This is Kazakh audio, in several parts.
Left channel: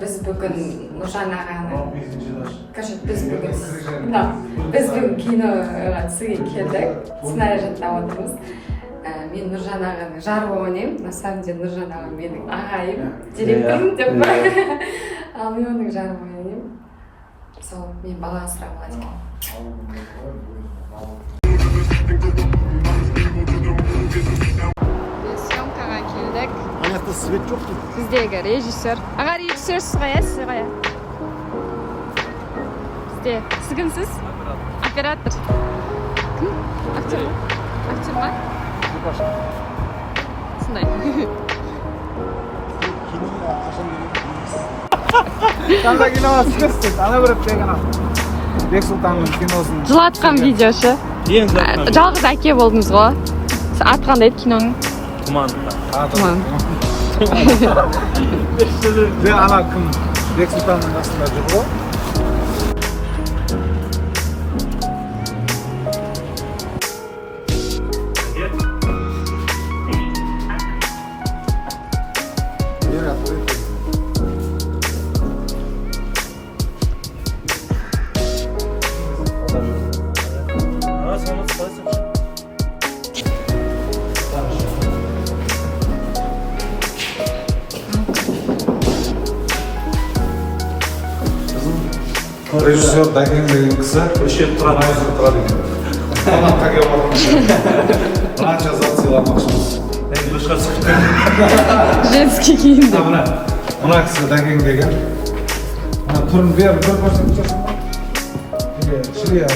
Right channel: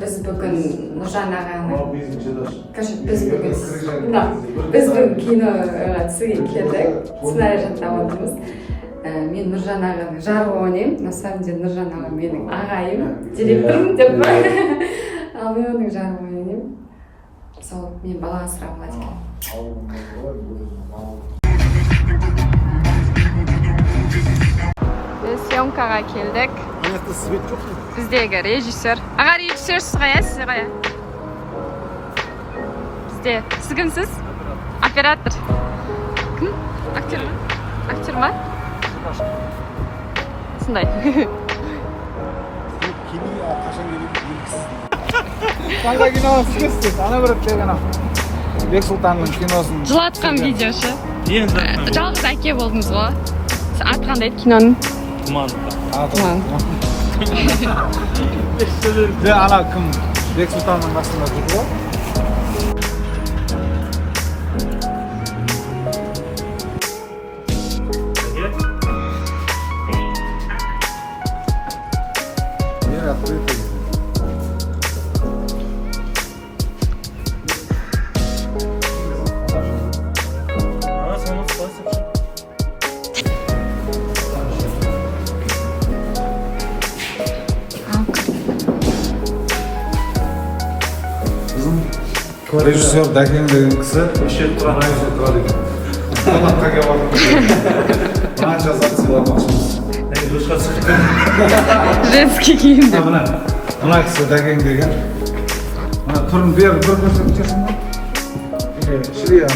Biz bugün Nurjan ağanın biz bugün kinoga түсуге келдік. Сценарий жаттап отырмыз. Мен Нұржан ағаның жарығы ойнаймын. На самом деле Нұржан аға менің ағайым, директорым деп па. Ал мен оның жарығы ойнаймын. Сол мен бала асырап алады екен. Biz съемкаға келдік. Аяқта свет жоқ қой. Біздегі режиссер. Аға режиссерсіз қая, сіз қая? Бізде. Сіз кімсіз? Оператор. Кім? Актер ма? Актер ма? Сондай. Қандай киноны түсіресіз? Ана бір деген Бексұлтанның киносын. Жылатқан видеошы. Жалғыз әке болдыңыз ғой. Аты қандай еді киноның? Тұман. Тұман. Ана кім? Бексұлтанның қасында жүрді ғой. Режиссер Дагин деген кісі тұрған үйде тұрады екен. Қонаққа келіп отырмыз. Қанша зат сыйламақшымыз. Женский киімде. Мына кісі Дагин деген. Түрін бір көрсетіп жатсың ба? Шірейін.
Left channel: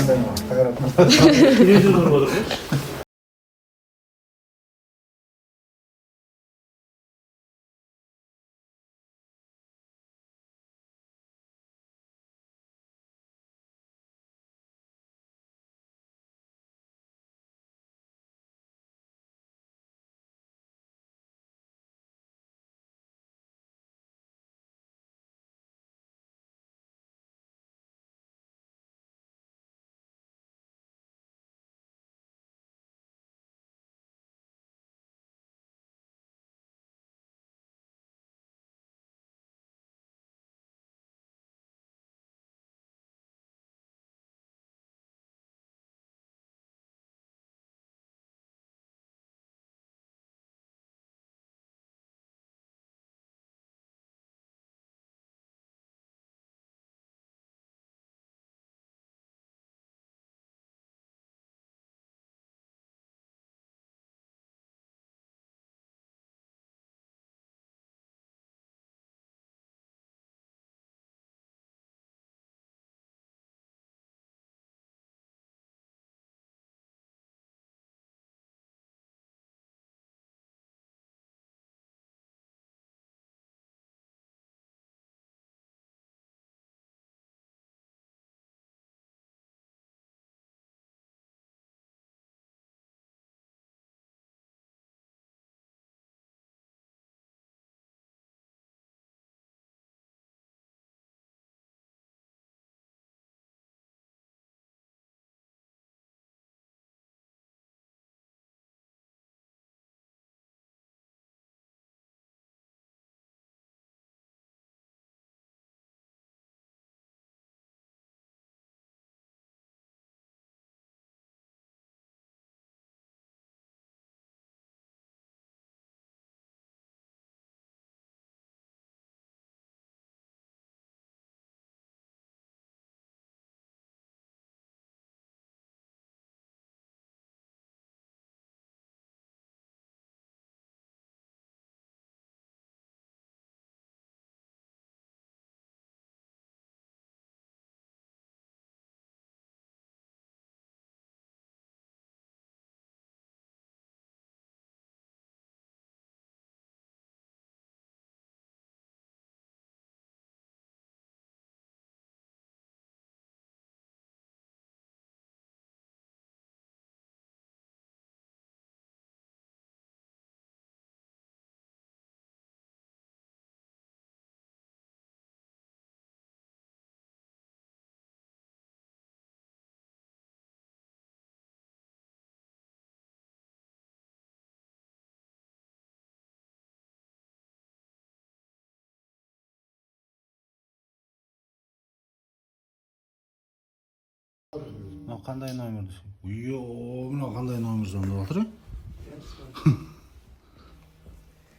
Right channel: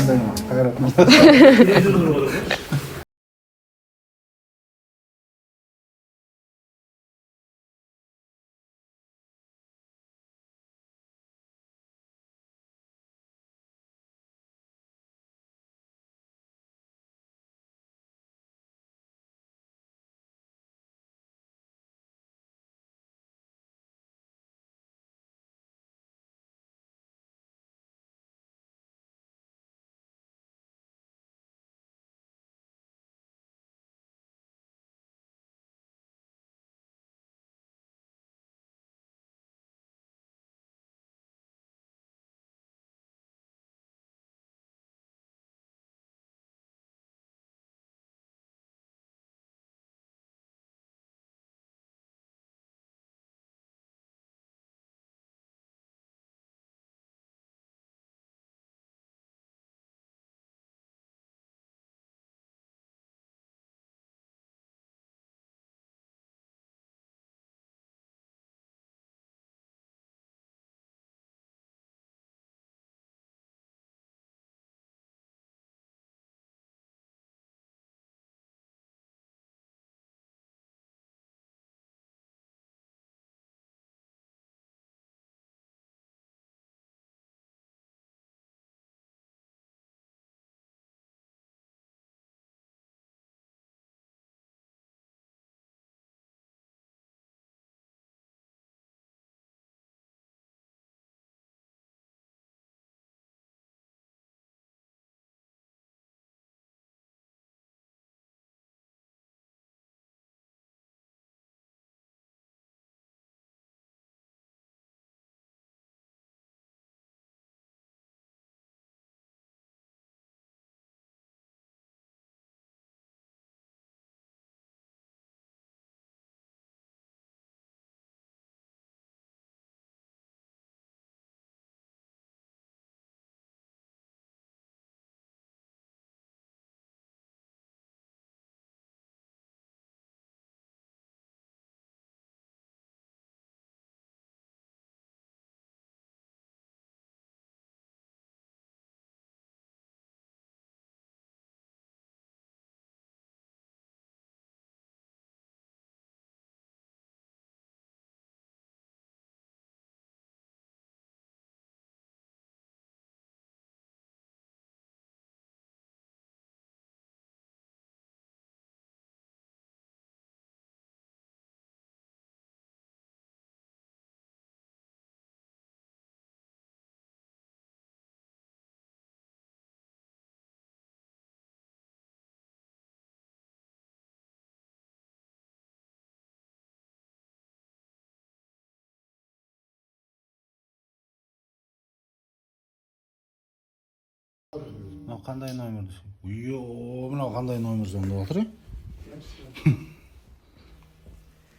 Мына кандай номер десем? Мына кандай номер звондап отыр?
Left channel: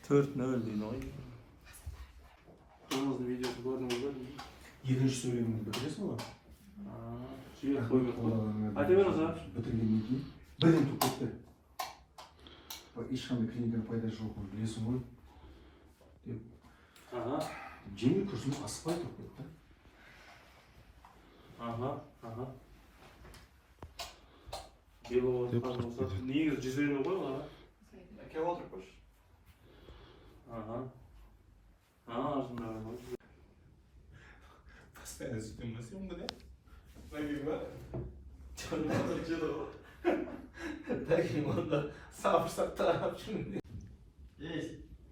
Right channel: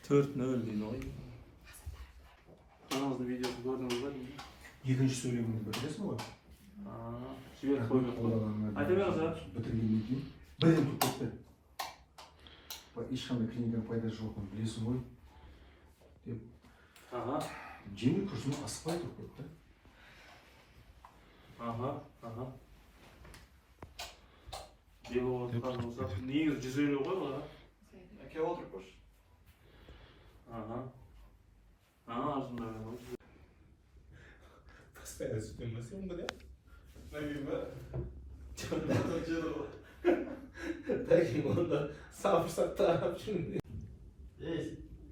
4-0 deydi oy. Anamızın videosu gördünüz mü? 7. söyleyimini bitirесің ғой? Жіберіп қойыңыз. Айта беріңіз а? Бітіргеннен кейін бірден тұрып кетті. Ешқандай клиниканың пайдасы жоқын білесің ғой деп жеңіл күрсініп асықпай тұрып кетті. Белі отқан болса, негізі жүзейлі ғой олар. Келіп отырып қойшы. Арзында ғой. Постоянно съемка съемка, да? Наверное.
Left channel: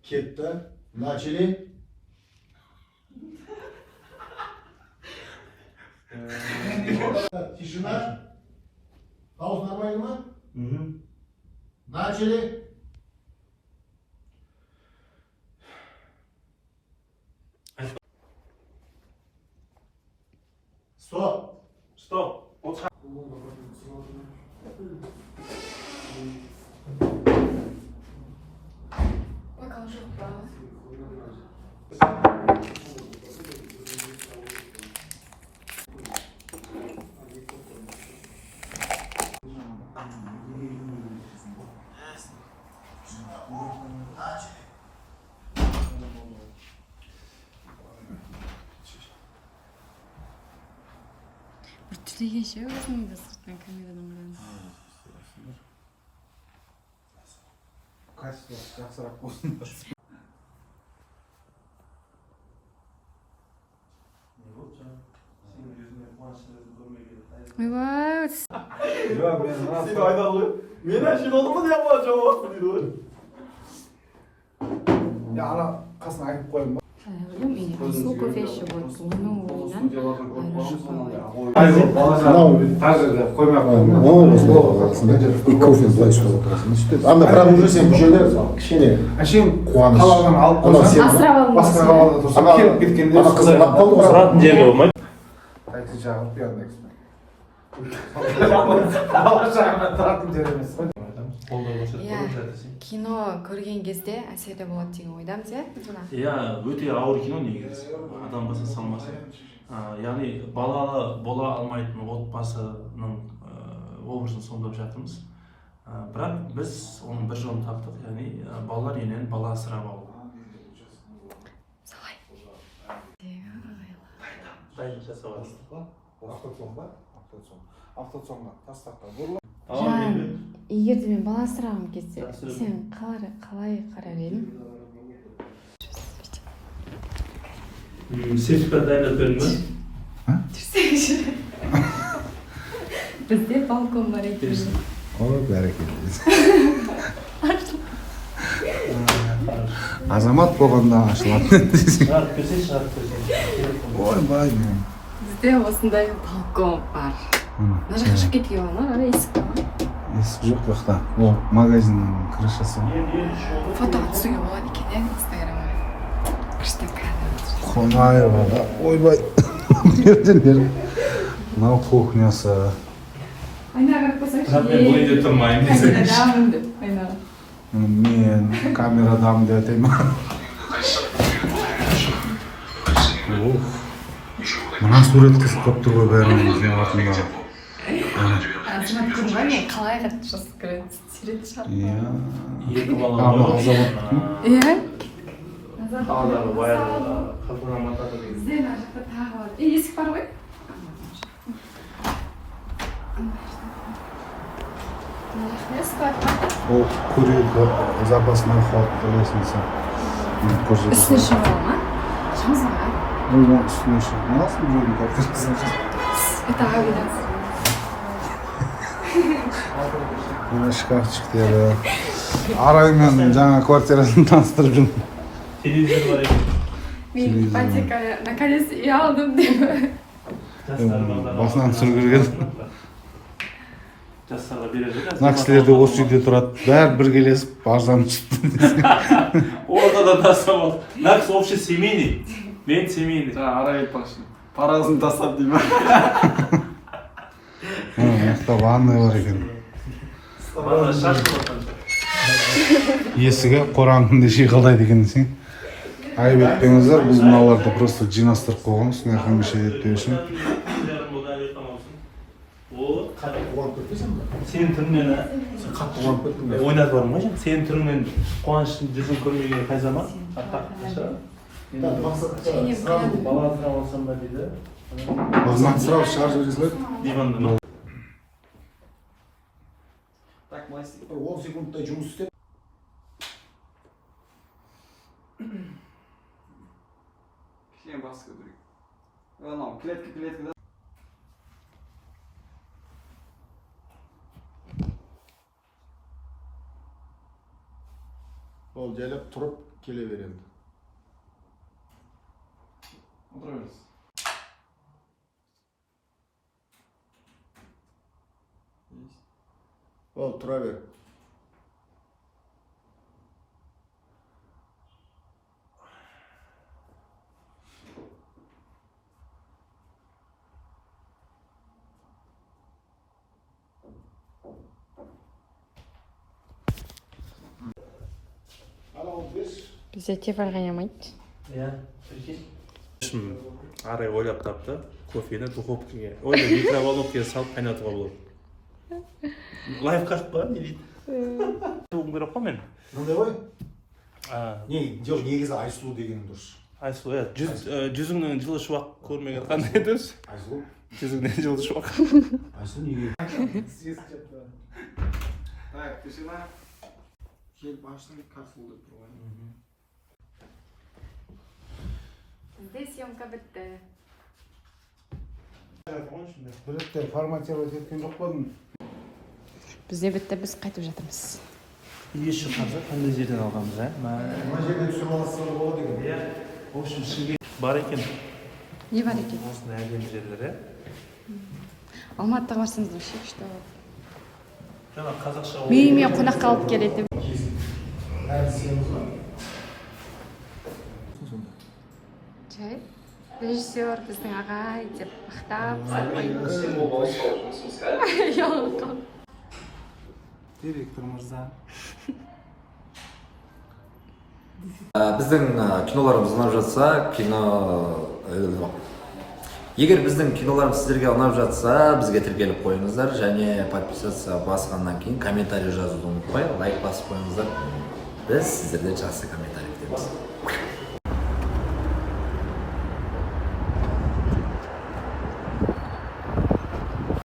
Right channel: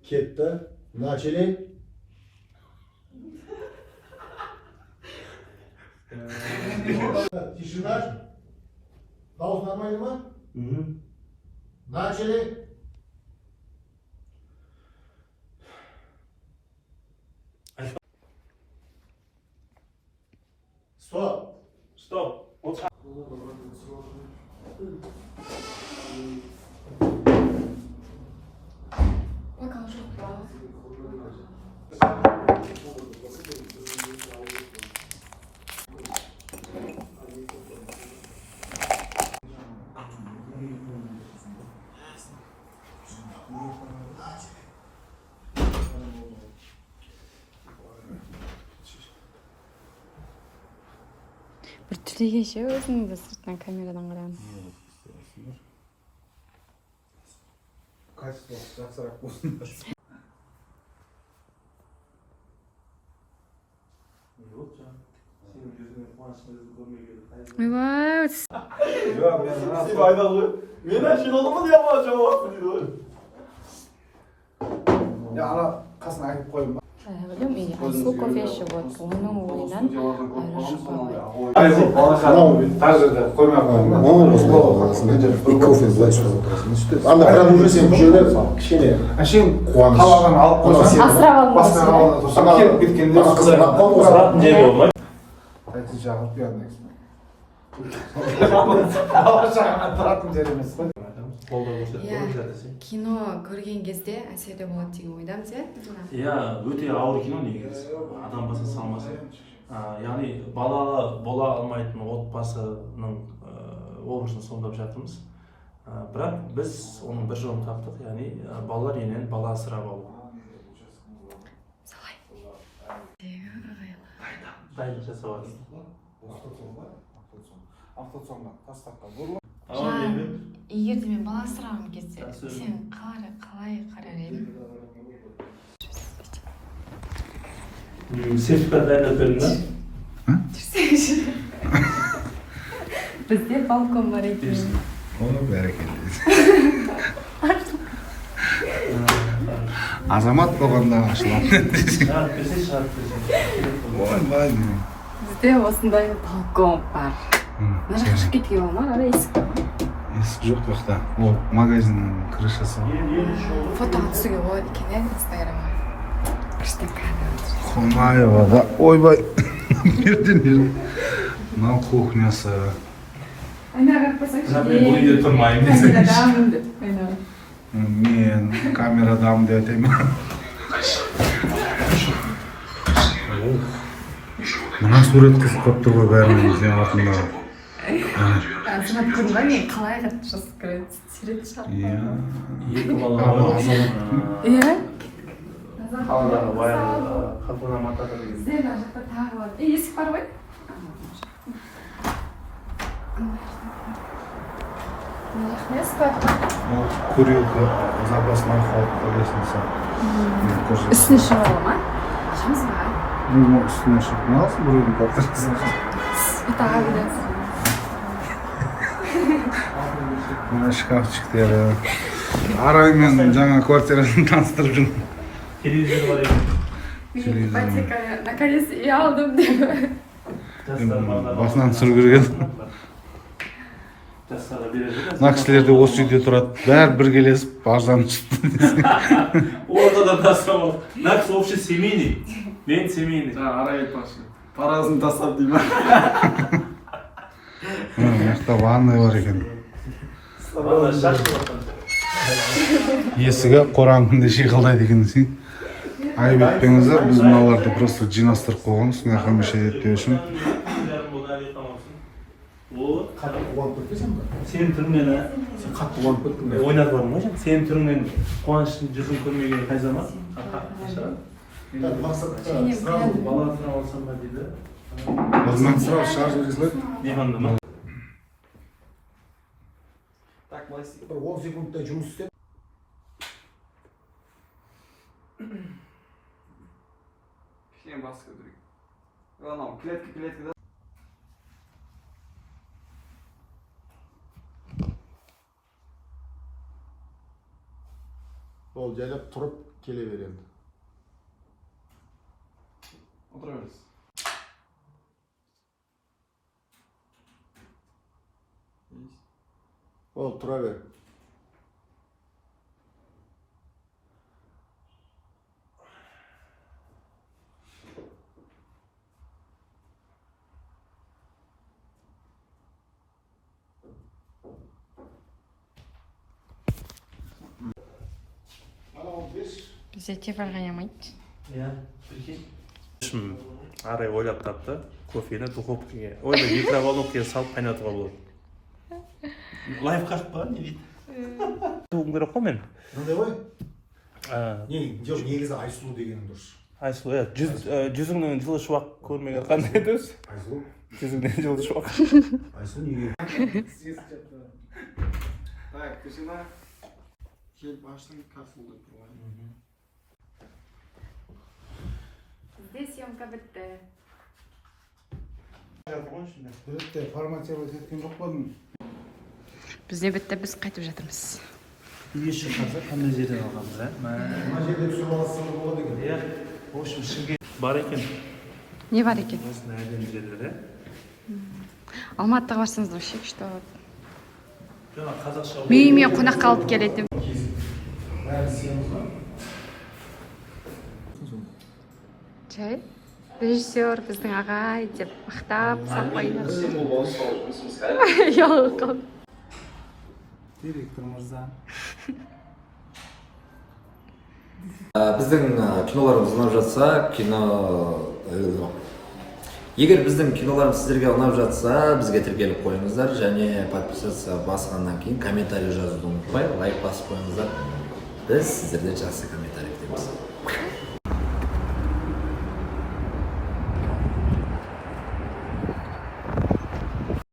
Кетті. Начали. Тишина. Пауз нормально ма? Начали. Стоп. Стоп. Покажу паузу. Bir türlü şey özünü de sırttan kameradan қараймын. Качество жақсырақ болсын. Ойбай, Жоқ, мен Сен айда ғой. Мен әшейін олды ма деп жауап дейді. ана қасына айтып қойдым. Асыл кофеші вот, оның ойынан Тажырда қоймай қойдым. И кофе былай ұстап отырасың. Анда бірақ уже сен мүшелер кішкене Әшейін қуаныш. қалаған алып қойсаң, асырап алып басқа қалада тұрсам, келіп кеткенде Сұратын жері болмайды. Такси жағып берді. Бала жағына тұратын жер емес. иә, кино көрген кезде әсерлі болады деген ойдамыз, иә? Иә, өте ауыр кино негізі. Адам баса салмасы. Яғни балалы бола алмайтын отбасының образын сомдап жатырмыз. Бірақ біз оның бір жолын таптық, яғни балалар үйінен бала асырап алу. Солай. Дайындық жасап алады. Автоцонға тастаққа бұрылып. Егер де мен бала асырағым келсе, сен қалай қарар едің? Сертификат дайындап бердің ба? Жүрсеңші. Бізде балкон бар екен. Ой, бәрекелді. Азамат болғанда ашылады. Шығарып берсе, шығарып берсе. Ойбай. Бізде осындай балкон бар. Мына жаққа шығып кетуге бола ма? Ара есік бар ма? Есік жоқ жақта. Ол магазиннің крышасы. Фото түсуге болады екен, иә, инстаграмға. Күшті камера. Қонаева, ойбай. Берден бер. Мынау кухнясы. Айнаға қарап қойсаңшы. Мен бұл үйде тұрмаймын десең. Камерадамын деп. Айнаға. Мен камерадамын деп айтайын. Мына сурет қыз көп тұр ғой бәрінен сен артында. Азамат көрдің ба, мен қалай қатты жасып көреді? Сурет шығарып қойды. Екі бала Азамат. бар. Иә? Қаладағы баяғы қатына матады. Бізде мына жақта тағы бар. Есік бар ғой? Мына жақта есік бар. Ол курилка запасной ход лестница. Үстіне шығуға ма? Шығыңыз ма? Үстіне шығып алсын біреудің квартирасы. Это ғабиден. Мына шкафчиктері. Араймен жаңа квартирасын таныстырдым. Телевизор бар екен. Мен ипотеканы наконец үй алдым деп. Басынан сүргірген. Жастарға береді. Мына кісілер де осы үйде тұрады. Бәрі біргелесіп арзан шықты. Орда да тастап. Нақс вообще семейный. Мен семейный. Жаңа арай айтпақшы. Парасын тастап дей ма? жақта ванный бар екен. Есігі қораң шиқылдайды екен десең. Айып етпеңіздер, біз мыналарды просто жинастырып қойған, үстіне хамиша етпеу үшін. Сенің түріңнен қатты қуанып кеттім. Ойнатып бармын ғой сен. Сенің түріңнен қуаныштың жүзін көрмегені қайза ма? Бала травмасам ба дейді. Осынан сразу шығарып жібересіздер. Диванда ма? Так, былай істейік. Бір 10 секундтай жұмыс істеп. Кішкене басқа көрейік. Анау клеткада. Ол жайлап тұрып келе береді. Отыра беріңіз. Ол тұра бер. Бізде тефал қайнамайды. Иә, арай ойлап тапты. Кофені духовкаға, микроволновкаға салып қайнатуға болады. Лайфхак па? Не дейді? Туғым керек қой мен. Мынандай ғой? Жоқ, негізі Айсұлу деген дұрыс. Айсұлу, иә. Жүзіңнен жылы шуақ көрмеген қандай дұрыс? Айсұлу? Жүзіңнен жылы шуақ. Айсұлу неге? Так, тишина. Келіп аштың кафул деп тұр ғой. Бізде съемка бітті. Біретте форматировать еткен жоқ болдың. Бізде бітті, біз қайтып жатырмыз. Еш шыққанса қандай жерден алғанбыз, ә? Мына жерде түсіріп аласың болады екен. Иә. Осы Шымкент бар екен. Не бар екен? Осындай әдемі жерлер, ә? Алматыға барсаңыз вообще күшті болады. Жаңа қазақша Үйіме қонаққа алып келеді. Жай, режиссер біздің ағай деп мақтап сапайын. Ұялып. Директор мырза. Біздің киноларымыз ұнап жатса, егер біздің киноларымыз сіздерге ұнап жатса, бізге тіркеліп қойыңыздар және подписаться басқаннан кейін комментарий жазуды ұмытпай, лайк басып қойыңыздар. Біз сіздерден жақсы комментарий күтеміз.